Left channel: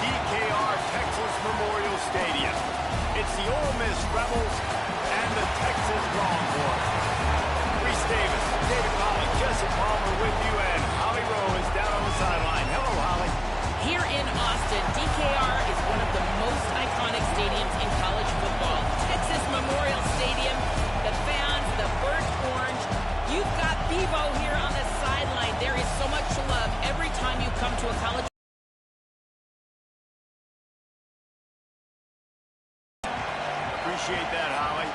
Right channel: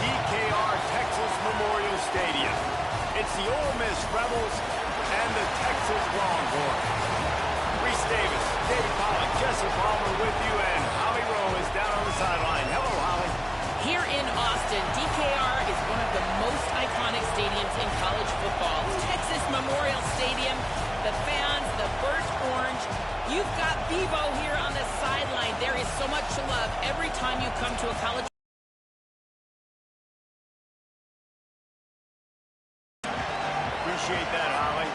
DKR Texas Memorial Stadium. It's the Ole Miss Rebels and the Texas Longhorns. Reese Davis, David Pollock, Jesse Palmer with you, and Holly Rowe is down on the sideline. Hello, Holly. Here in Austin, DKR is one of the most iconic stadiums in college football. Texas Memorial Stadium, the fans, the burnt orange. You've got Bevo here on the sideline. There is so much love every time you come to a college. Appreciate that, Holly.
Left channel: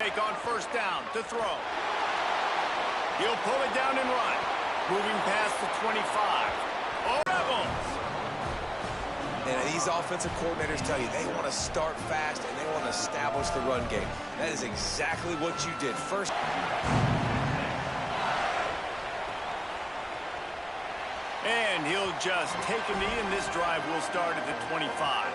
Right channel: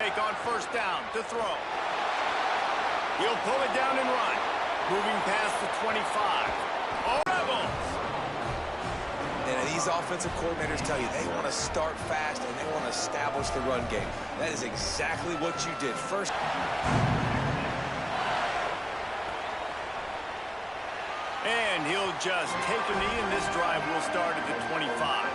Take on first down to throw. He'll pull it down and run. Moving past the 25. Oh, Rebels! And these offensive coordinators tell you they want to start fast and they want to establish the run game. That is exactly what you did. First. And he'll just take a knee, and this drive will start at the 25.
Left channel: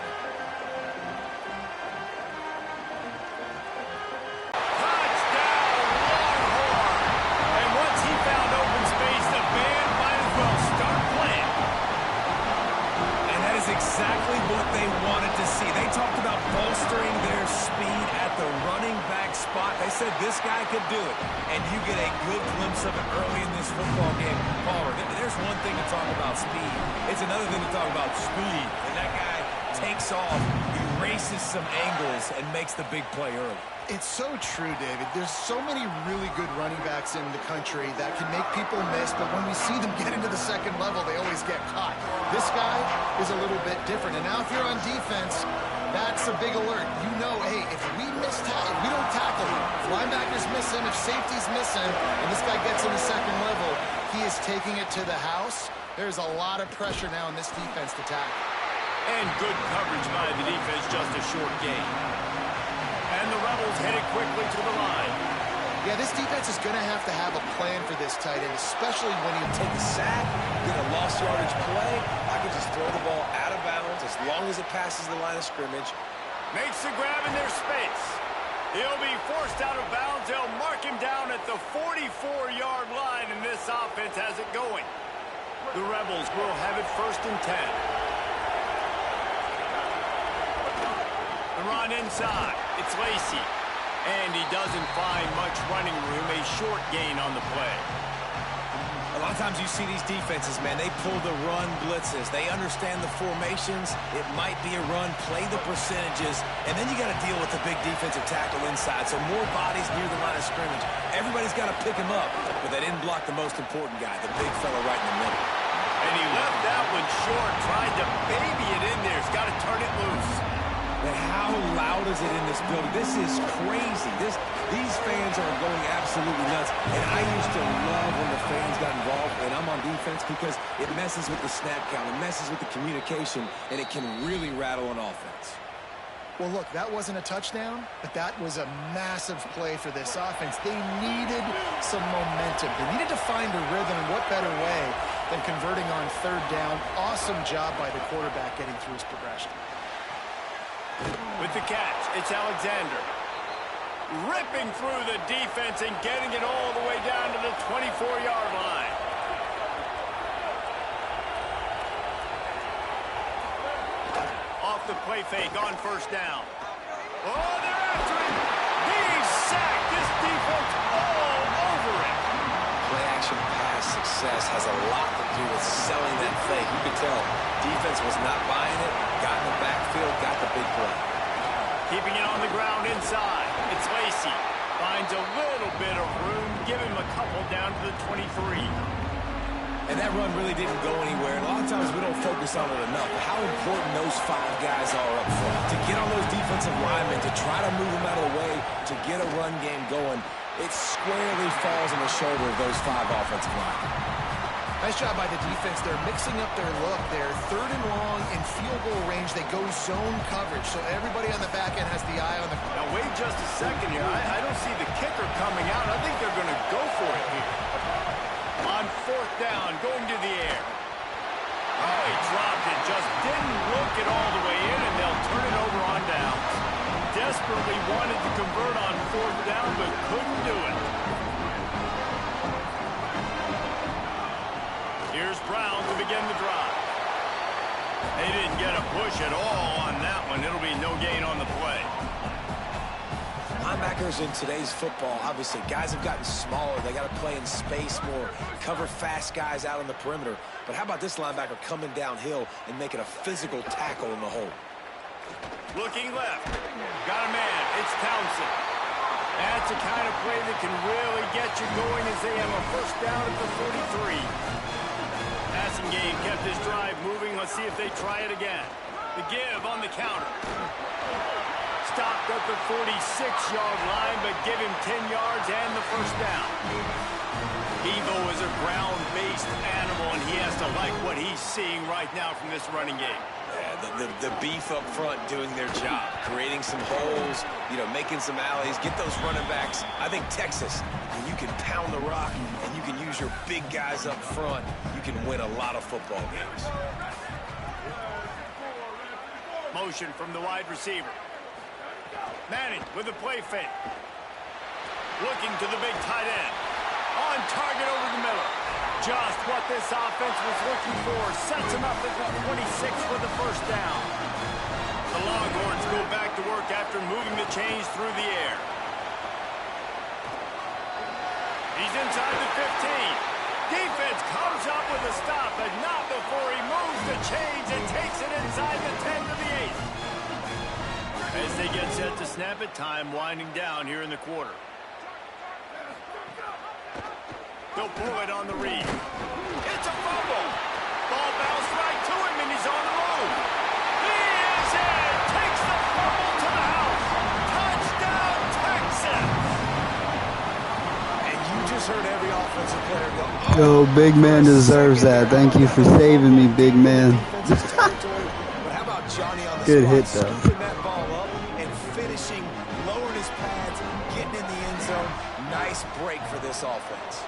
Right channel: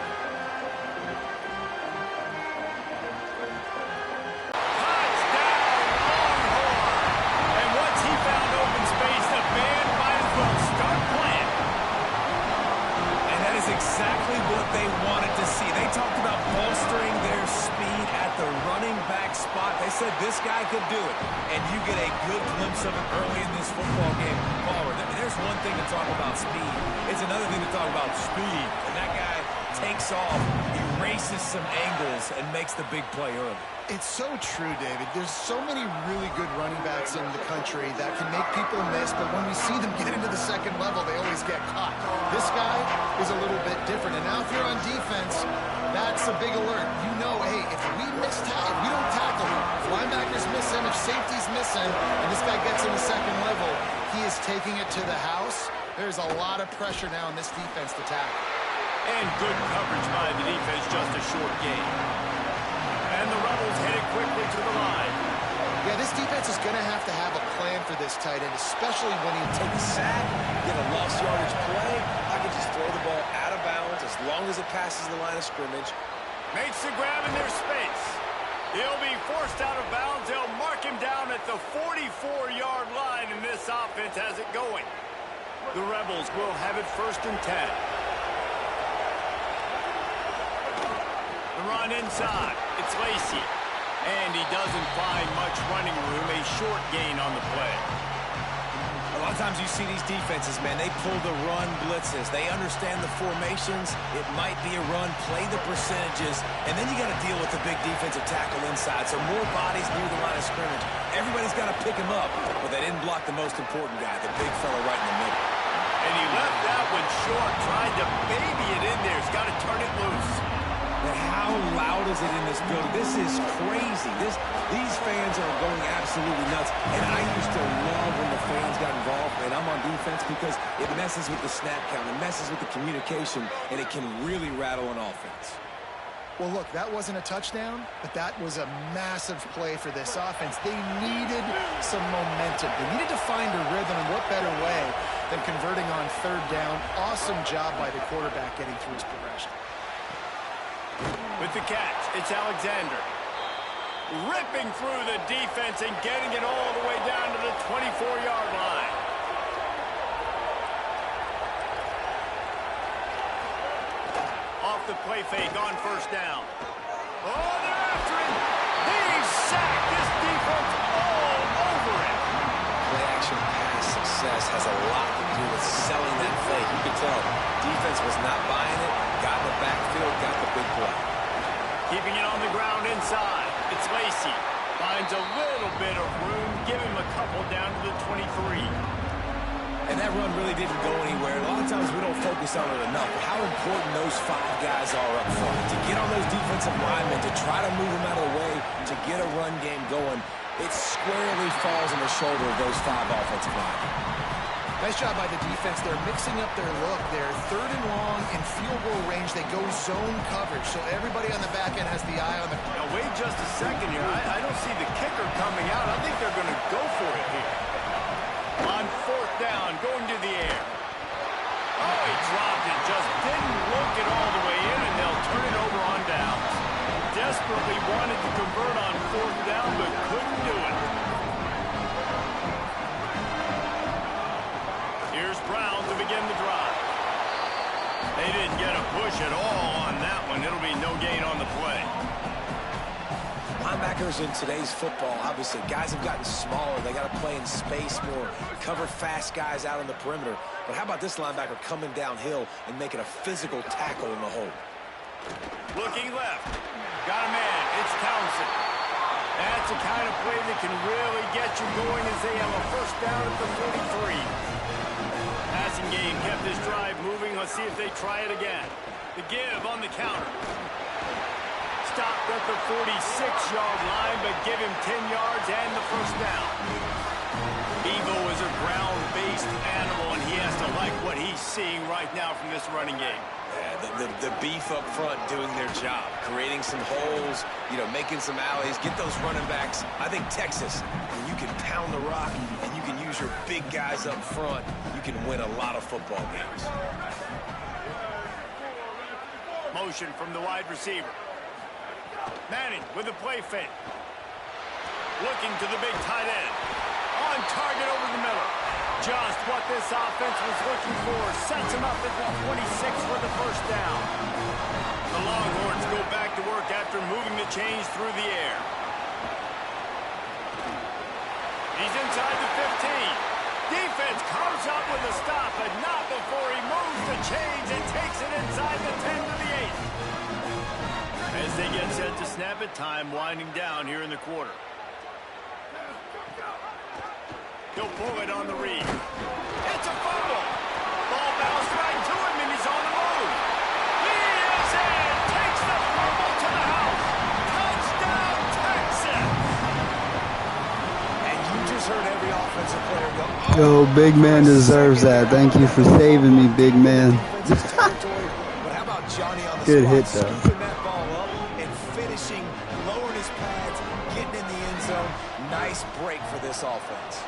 Exactly what they wanted to see. They talked about bolstering their speed at the running back spot. They said this guy could do it, and you get a good glimpse of it early in this football game. Palmer, there's one thing to talk about speed. It's another thing to talk about speed, and that guy takes off, erases some angles, and makes the big play early. It's so true, David. There's so many really good running backs in the country that can make people miss, but when we see them get into the second level, they always get caught. This guy is a little bit different. And now if you're on defense, that's a big alert. You know, hey, if we don't tackle him, if linebackers miss him, if safeties miss him, and this guy gets in the second level, he is taking it to the house. There's a lot of pressure now in this defense to tackle. And good coverage by the defense, just a short gain. And the Rebels headed quickly to the line. Yeah, this defense is going to have a plan for this tight end, especially when he take a sack, get a lost yardage play. I can just throw the ball out of bounds as long as it passes the line of scrimmage. Makes the grab in their space. He'll be forced out of bounds. They'll mark him down at the 44-yard line, and this offense has it going. The Rebels will have it 1st and 10. The run inside. It's Lacey. And he doesn't find much running room. A short gain on the play. A lot of times you see these defenses, man, they pull the run blitzes. They understand the formations. It might be a run. Play the percentages. And then you got to deal with the big defensive tackle inside. So more bodies near the line of scrimmage. Everybody's got to pick him up. But they didn't block the most important guy, the big fellow right in the middle. And he left that one short. Tried to baby it in there. He's got to turn it loose. And how loud is it in this building? This is crazy. These fans are going absolutely nuts. And I used to love when the fans got involved, and I'm on defense, because it messes with the snap count. It messes with the communication, and it can really rattle an offense. Well, look, that wasn't a touchdown, but that was a massive play for this offense. They needed some momentum. They needed to find a rhythm, and what better way than converting on 3rd down. Awesome job by the quarterback getting through his progression. With the catch, it's Alexander. Ripping through the defense and getting it all the way down to the 24-yard line. Off the play fake on 1st down. Oh, they're after him. He's sacked. This defense all over it. Play action pass success has a lot to do with selling that fake. You could tell defense was not buying it, got in the backfield, got the big play. Keeping it on the ground inside. It's Lacey. Finds a little bit of room. Give him a couple down to the 23. And that run really didn't go anywhere. A lot of times we don't focus on it enough. But how important those 5 guys are up front. To get on those defensive linemen, to try to move them out of the way, to get a run game going, it squarely falls on the shoulder of those 5 offensive linemen. Nice job by the defense. They're mixing up their look. They're 3rd and long in field goal range. They go zone coverage, so everybody on the back end has the eye on the... Now, wait just a second here. I don't see the kicker coming out. I think they're going to go for it here. On 4th down, going to the air. Oh, he dropped it. Just didn't look it all the way in, and they'll turn it over on downs. Desperately wanted to convert on 4th down, but couldn't do it. Here's Brown to begin the drive. They didn't get a push at all on that one. It'll be no gain on the play. Linebackers in today's football, obviously, guys have gotten smaller. They got to play in space more, cover fast guys out on the perimeter. But how about this linebacker coming downhill and making a physical tackle in the hole? Looking left. Got a man. It's Townsend. That's the kind of play that can really get you going as they have a first down at the 43. Passing game kept this drive moving. Let's see if they try it again. The give on the counter. Stopped at the 46-yard line, but give him 10 yards and the first down. Bevo is a ground-based animal, and he has to like what he's seeing right now from this running game. Yeah, the beef up front doing their job, creating some holes, making some alleys, get those running backs. I think Texas, when you can pound the rock and you can use your big guys up front, you can win a lot of football games. Motion from the wide receiver. Manning with a play fake. Looking to the big tight end. On target over the middle. Just what this offense was looking for. Sets him up at the 26 for the first down. The Longhorns go back to work after moving the chains through the air. He's inside the 15. Defense comes up with a stop, but not before he moves the chains and takes it inside the 10 to the 8. As they get set to snap it, time winding down here in the quarter. He'll pull it on the read. It's a fumble. Ball bounced right to him, and he's on the move. He is in. Takes the fumble to the house. Touchdown, Texas. And you just heard every offensive player go, Yo, big man deserves that. Thank you for saving me, big man. But how about Johnny on the Good hit, spot, though. scooping that ball up and finishing, lowering his pads, getting in the end zone. Nice break for this offense.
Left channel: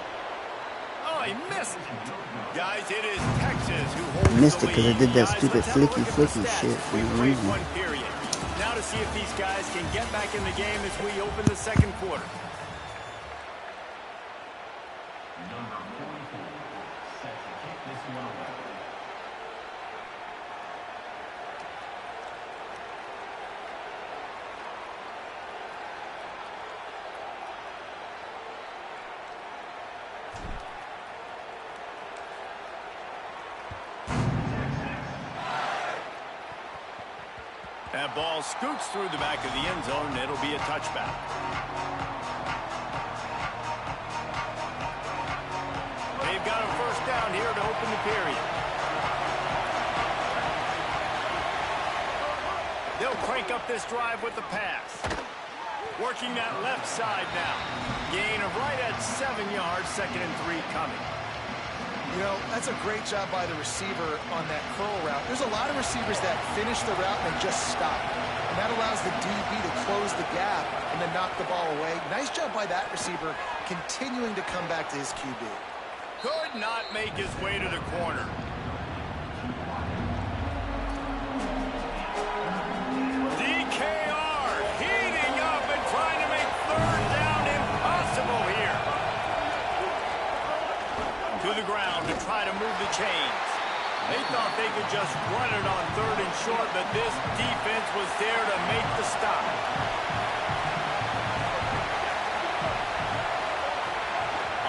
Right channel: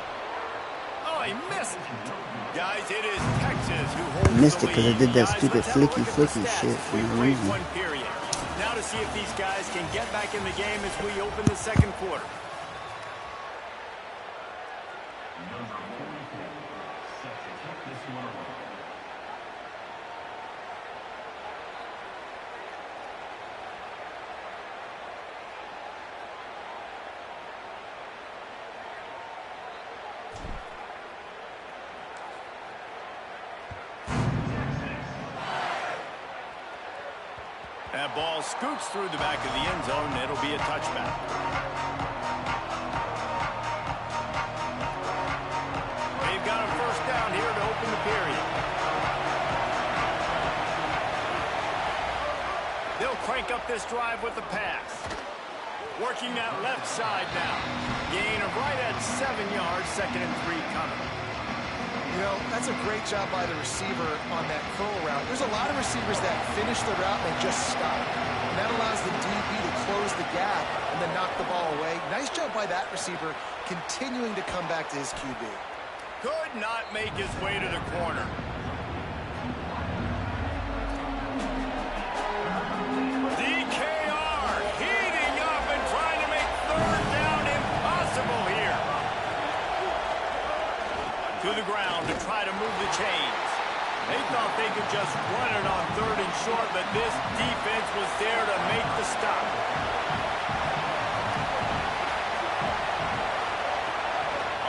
Oh, he missed it. Guys, it is Texas who holds Missed the it 'cause I lead. did that Guys, stupid let's have a look flicky at the flicky stats. shit for We no break reason. one period. Now to see if these guys can get back in the game as we open the second quarter. Number 44, set to kick this one away. That ball scoots through the back of the end zone, and it'll be a touchback. They've got a first down here to open the period. They'll crank up this drive with the pass. Working that left side now. Gain of right at 7 yards, 2nd and 3 coming. That's a great job by the receiver on that curl route. There's a lot of receivers that finish the route and they just stop. And that allows the DB to close the gap and then knock the ball away. Nice job by that receiver continuing to come back to his QB. Could not make his way to the corner. DKR heating up and trying to make third down impossible here. To the ground to try to move the chains. They thought they could just run it on 3rd and short, but this defense was there to make the stop.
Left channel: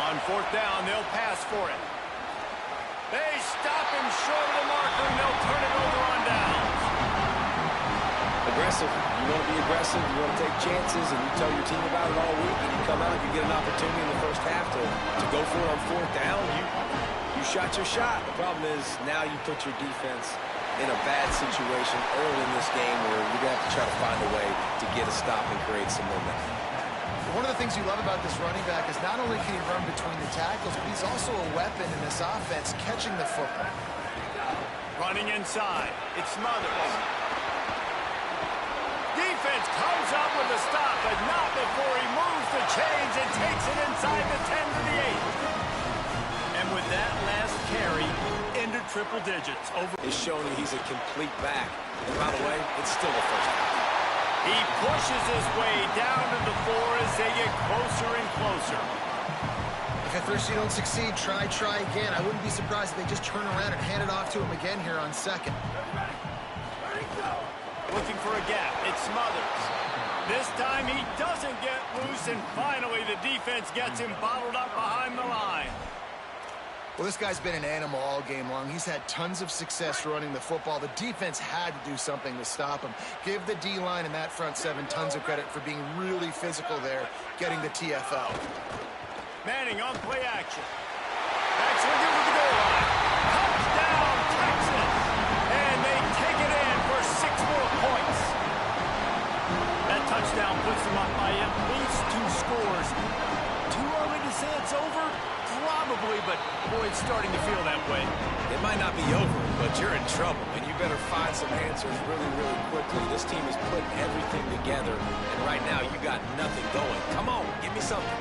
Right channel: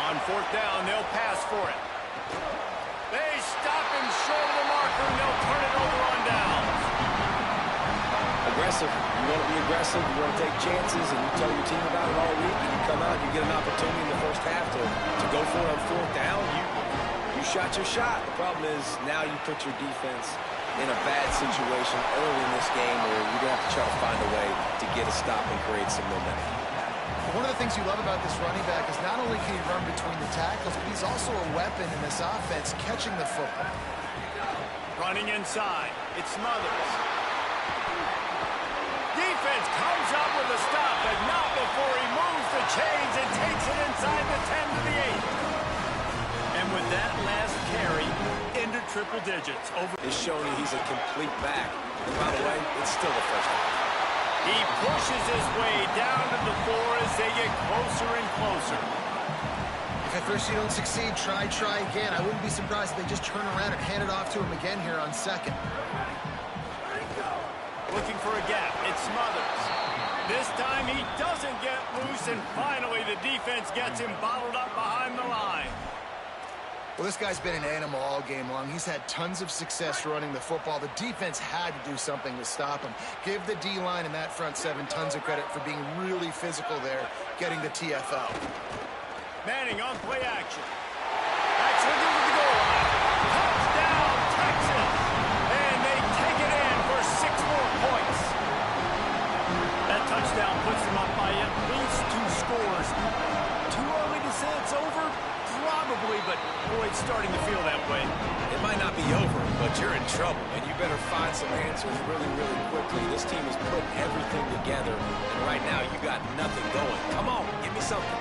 On 4th down, they'll pass for it. They stop him short of the marker, and they'll turn it over on downs. Aggressive. You want to be aggressive. You want to take chances, and you tell your team about it all week, and you come out, you get an opportunity in the first half to go for it on 4th down. You shot your shot. The problem is now you put your defense in a bad situation early in this game where you're going to have to try to find a way to get a stop and create some momentum. One of the things you love about this running back is not only can he run between the tackles, but he's also a weapon in this offense, catching the football. Running inside. It Smothers. Defense comes up with a stop, but not before he moves the chains and takes it inside the 10 to the 8. And with that last carry, into triple digits. Is showing you he's a complete back. And by the way, it's still the first half. He pushes his way down to the 4 as they get closer and closer. If at first you don't succeed, try again. I wouldn't be surprised if they just turn around and hand it off to him again here on second. Looking for a gap. It's Smothers. This time he doesn't get loose, and finally the defense gets him bottled up behind the line. Well, this guy's been an animal all game long. He's had tons of success running the football. The defense had to do something to stop him. Give the D-line and that front seven tons of credit for being really physical there, getting the TFL. Manning on play action. Backs looking for the goal line. Touchdown, Texas! And they take it in for 6 more points. That touchdown puts them up by at least 2 scores. Too early to say it's over? Probably, but boy, it's starting to feel that way. It might not be over, but you're in trouble, and you better find some answers really, really quickly. This team is putting everything together, and right now you got nothing going. Come on, give me something.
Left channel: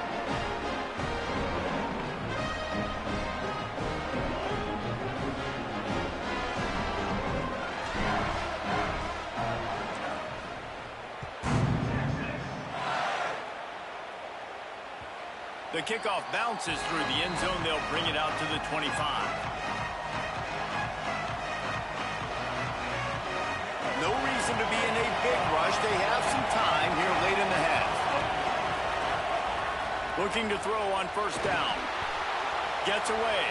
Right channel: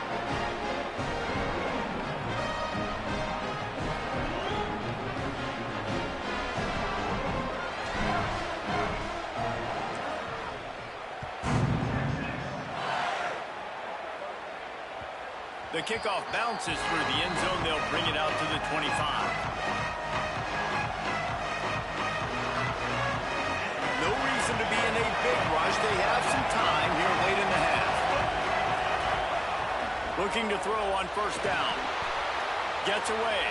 The kickoff bounces through the end zone. They'll bring it out to the 25. No reason to be in a big rush. They have some time here late in the half. Looking to throw on first down. Gets away.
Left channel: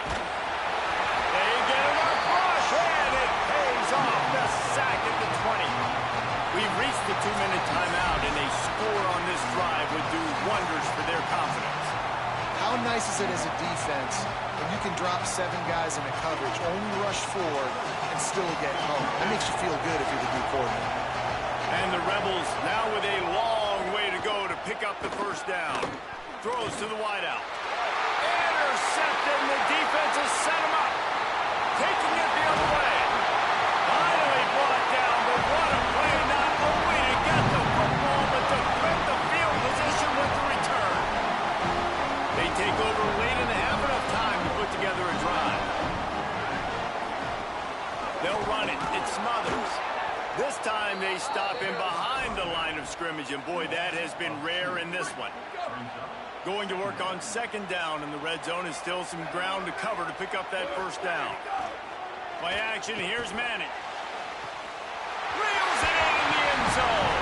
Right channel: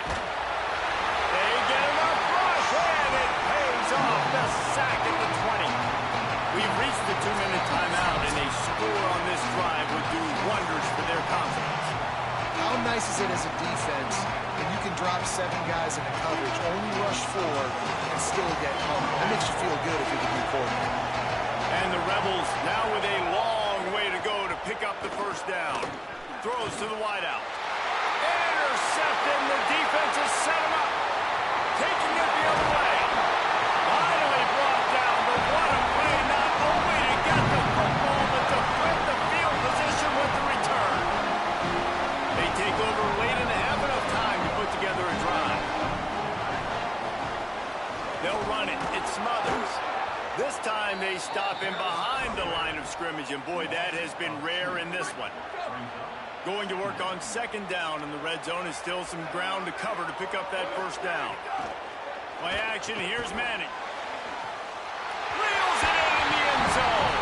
They get enough rush, and it pays off. The sack at the 20. We've reached the 2-minute timeout, and a score on this drive would do wonders for their confidence. How nice is it as a defense when you can drop 7 guys into coverage, only rush 4, and still get home? That makes you feel good if you're the D coordinator. And the Rebels now with a long way to go to pick up the first down. Throws to the wideout. Intercepted, and the defense has set him up. Taking it the other way. Finally brought down, but what a play, not only to get the football, but to flip the field position with the return. They take over late in the half, enough time to put together a drive. They'll run it. It's Smothers. This time they stop him behind the line of scrimmage, and boy, that has been rare in this one. Going to work on second down, and the red zone is still some ground to cover to pick up that first down. Play action, here's Manning. Reels it in the end zone.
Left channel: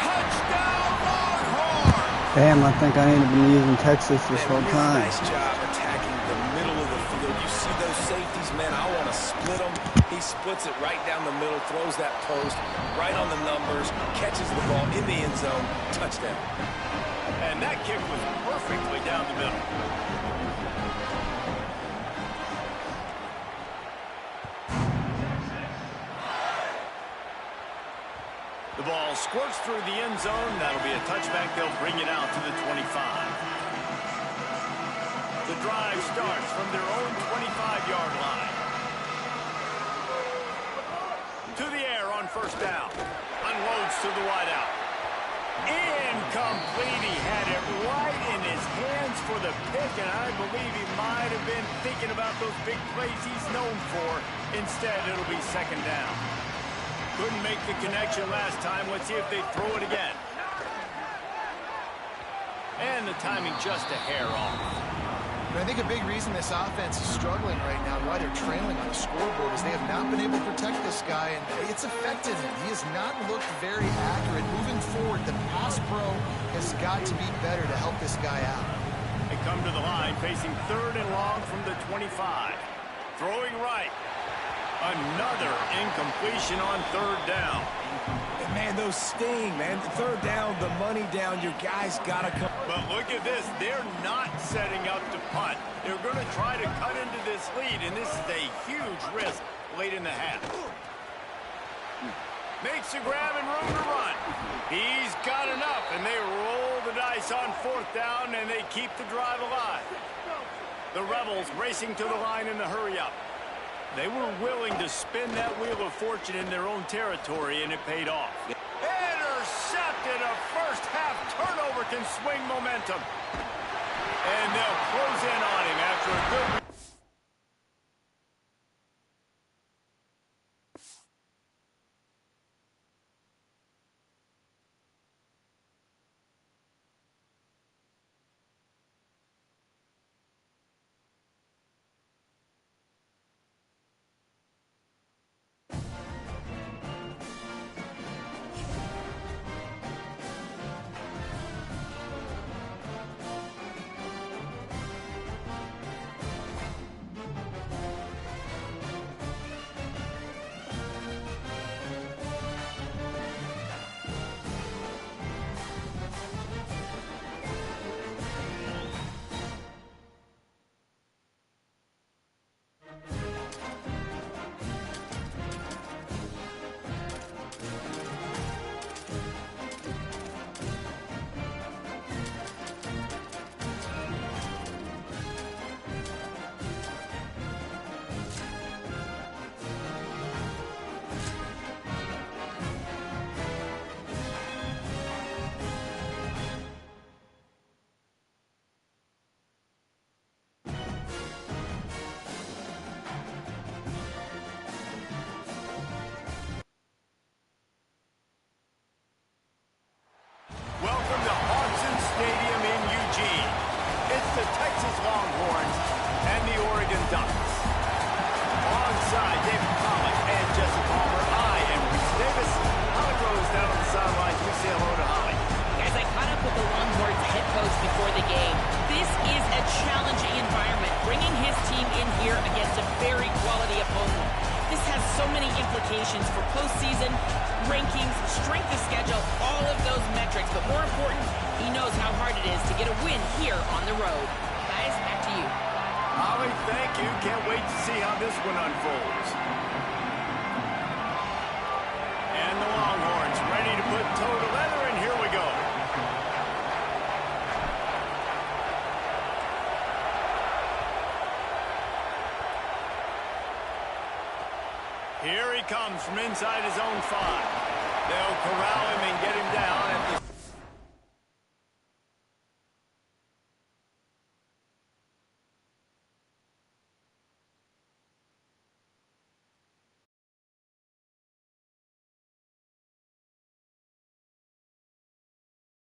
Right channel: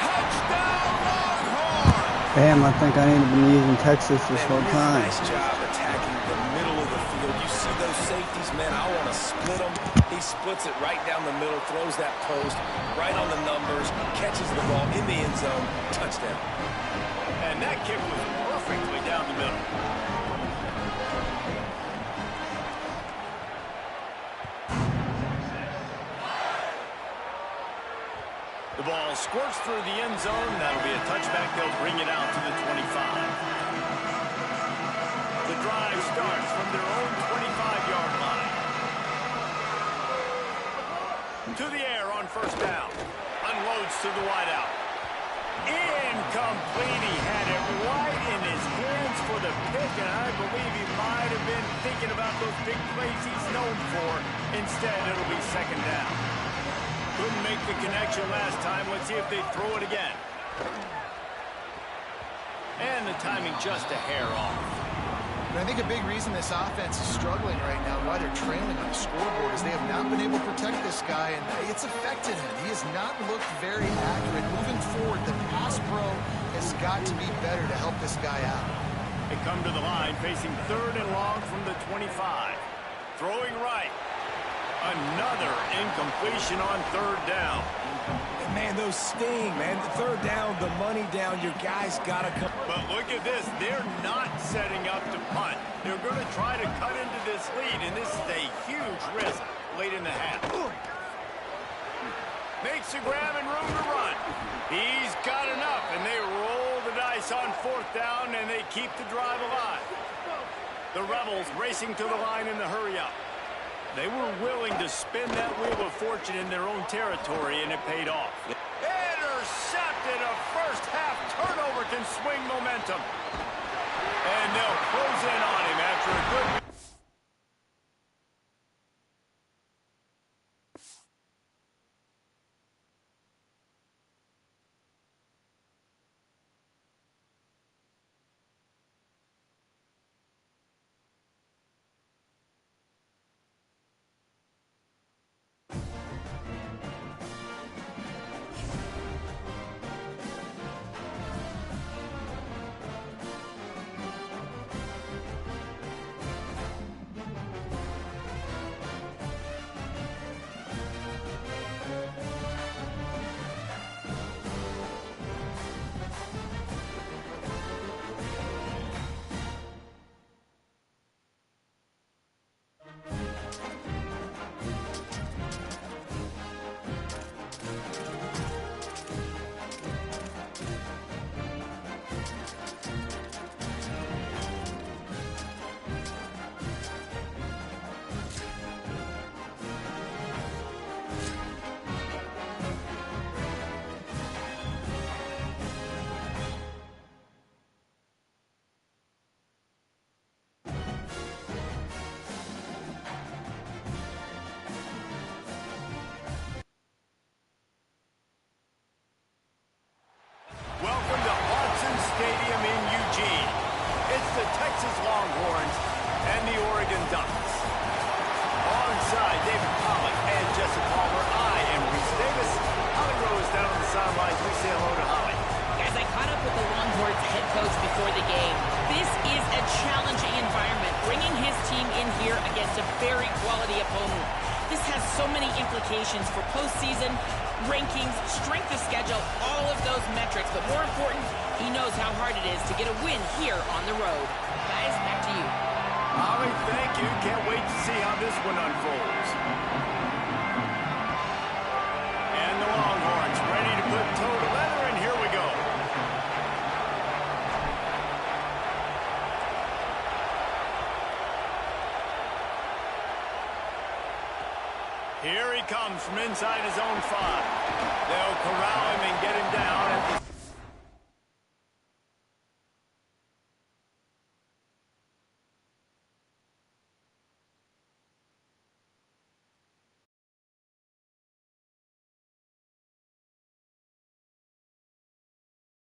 Touchdown, Longhorn! Damn, I think I need to be using Texas this whole Really time. nice job attacking the middle of the field. You see those safeties, man, I want to split them. He splits it right down the middle, throws that post, right on the numbers, catches the ball in the end zone, touchdown. And that kick was perfectly down the middle. The ball squirts through the end zone. That'll be a touchback. They'll bring it out to the 25. The drive starts from their own 25-yard line. To the air on first down. Unloads to the wideout. Incomplete. He had it right in his hands for the pick, and I believe he might have been thinking about those big plays he's known for. Instead, it'll be second down. Couldn't make the connection last time. Let's see if they throw it again. And the timing just a hair off. And I think a big reason this offense is struggling right now and why they're trailing on the scoreboard is they have not been able to protect this guy, and it's affected him. He has not looked very accurate. Moving forward, the pass pro has got to be better to help this guy out. They come to the line facing third and long from the 25. Throwing right. Another incompletion on third down. And man, those sting, man. The third down, the money down, your guys got to come. But look at this. They're not setting up to punt. They're going to try to cut into this lead, and this is a huge risk late in the half. Makes the grab and room to run. He's got enough, and they roll the dice on fourth down, and they keep the drive alive. The Rebels racing to the line in the hurry-up. They were willing to spin that wheel of fortune in their own territory, and it paid off. Intercepted. A first-half turnover can swing momentum. And they'll close in on him after a good... Ducks. Alongside David Pollack and Jesse Palmer, I am Reese Davis. Holly Rose down on the sidelines. We say hello to Holly. Guys, I caught up with the Longhorns head coach before the game. This is a challenging environment, bringing his team in here against a very quality opponent. This has so many implications for postseason, rankings, strength of schedule, all of those metrics. But more important, he knows how hard it is to get a win here on the road. Guys, back to you. Holly, thank you. Can't wait to see how this one unfolds. And the Longhorns ready to put toe to leather, and here we go. Here he comes from inside his own 5. They'll corral him and get him down at the